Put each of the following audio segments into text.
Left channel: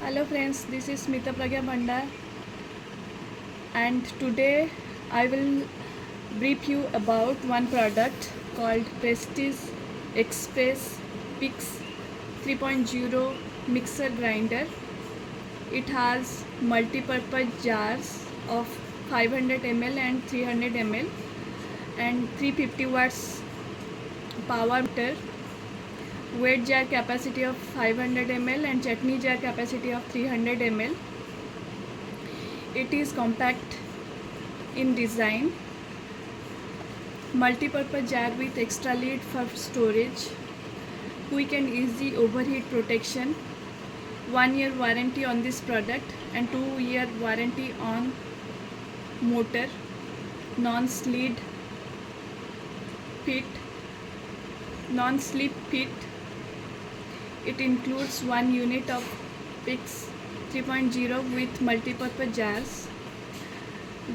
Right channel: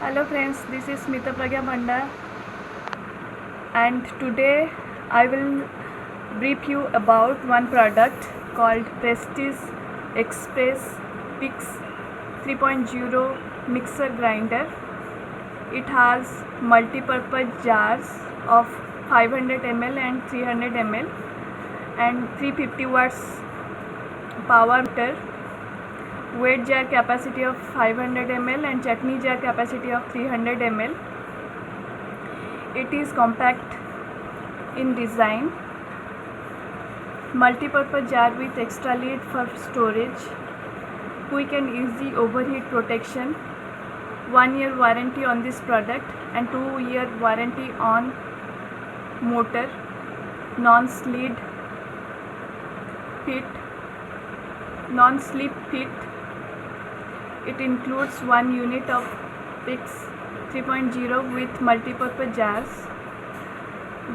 Hello friends, this is Smita Pragya Bhanda, and today I will brief you about one product called Prestige Express Pix 3.0 mixer grinder. It has multi-purpose jars of 500 ml and 300 ml and 350 watts power meter, weight jar capacity of 500 ml and chutney jar capacity of 300 ml. It is compact in design, multi-purpose jar with extra lid for storage, quick and easy overheat protection, 1-year warranty on this product and 2-year warranty on motor, non-slip fit. It includes 1 unit of Pix 3.0 with multi-purpose jars.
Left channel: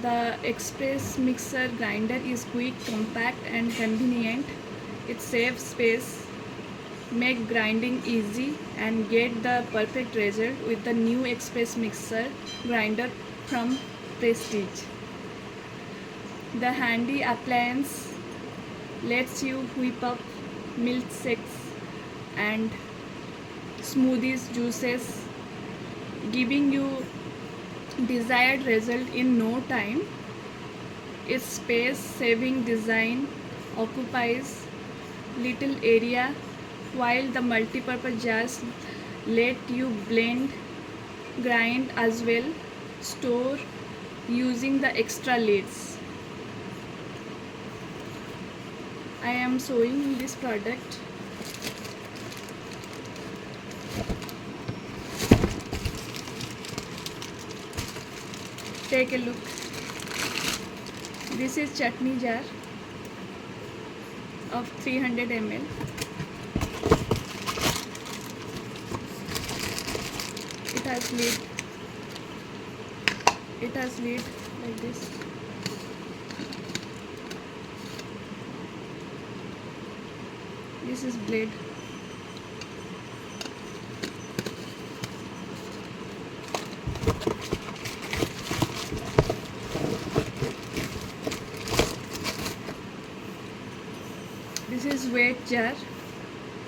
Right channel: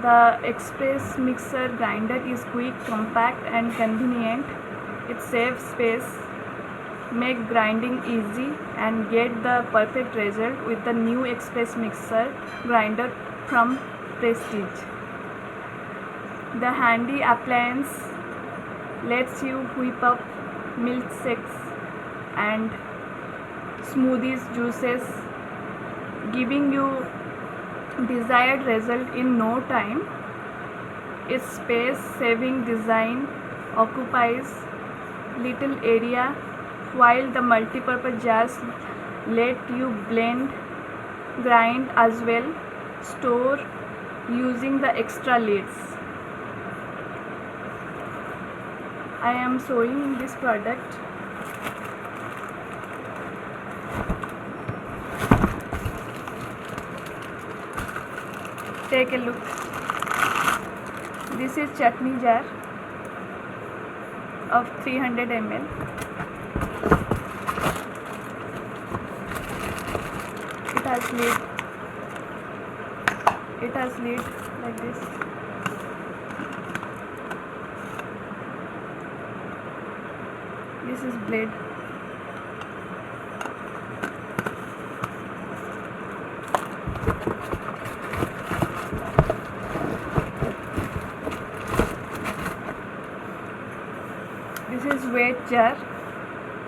The Express mixer grinder is quick, compact and convenient. It saves space, make grinding easy and get the perfect result with the new Express mixer grinder from Prestige. The handy appliance lets you whip up milkshakes and smoothies, juices, giving you desired result in no time. Its space saving design occupies little area, while the multi-purpose jars let you blend, grind as well, store using the extra lids. I am showing this product. Take a look. This is chutney jar of 300 ml. It has lid. It has lid like this. This is blade. This is weight jar,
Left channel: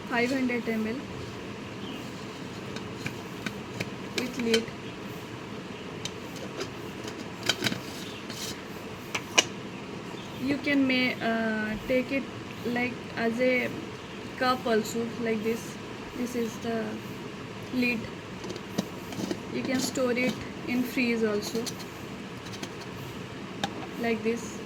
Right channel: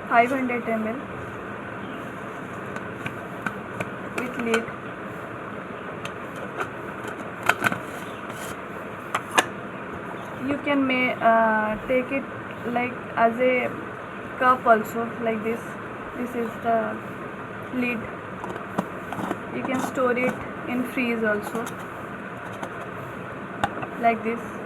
500 ml with lid. You can take it like as a cup also, like this. This is the lid. You can store it in freeze also, like this.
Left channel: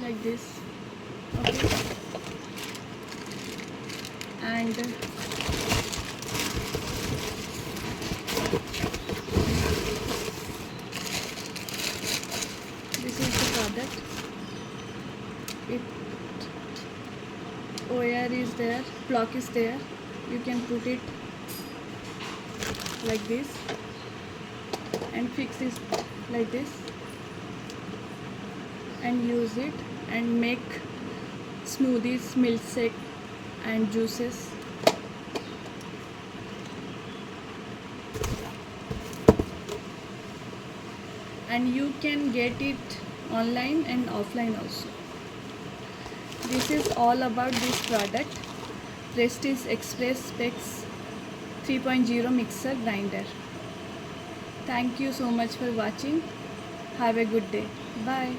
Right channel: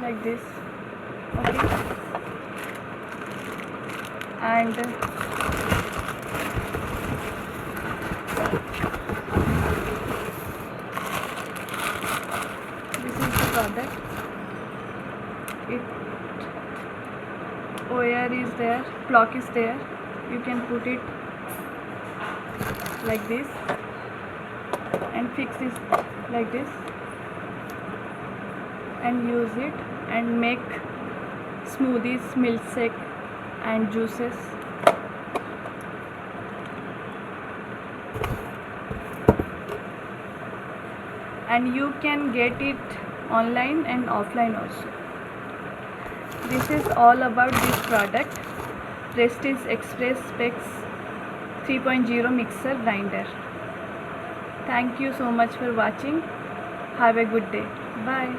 Like this. Okay. And this is the product. It OR is there, clock is there. You can put it like this and fix it like this and use it and make smoothies, milkshake and juices. And you can get it online and offline also. This is all about this product, Prestige Express Pix 3.0 mixer grinder. Thank you so much for watching. Have a good day. Bye.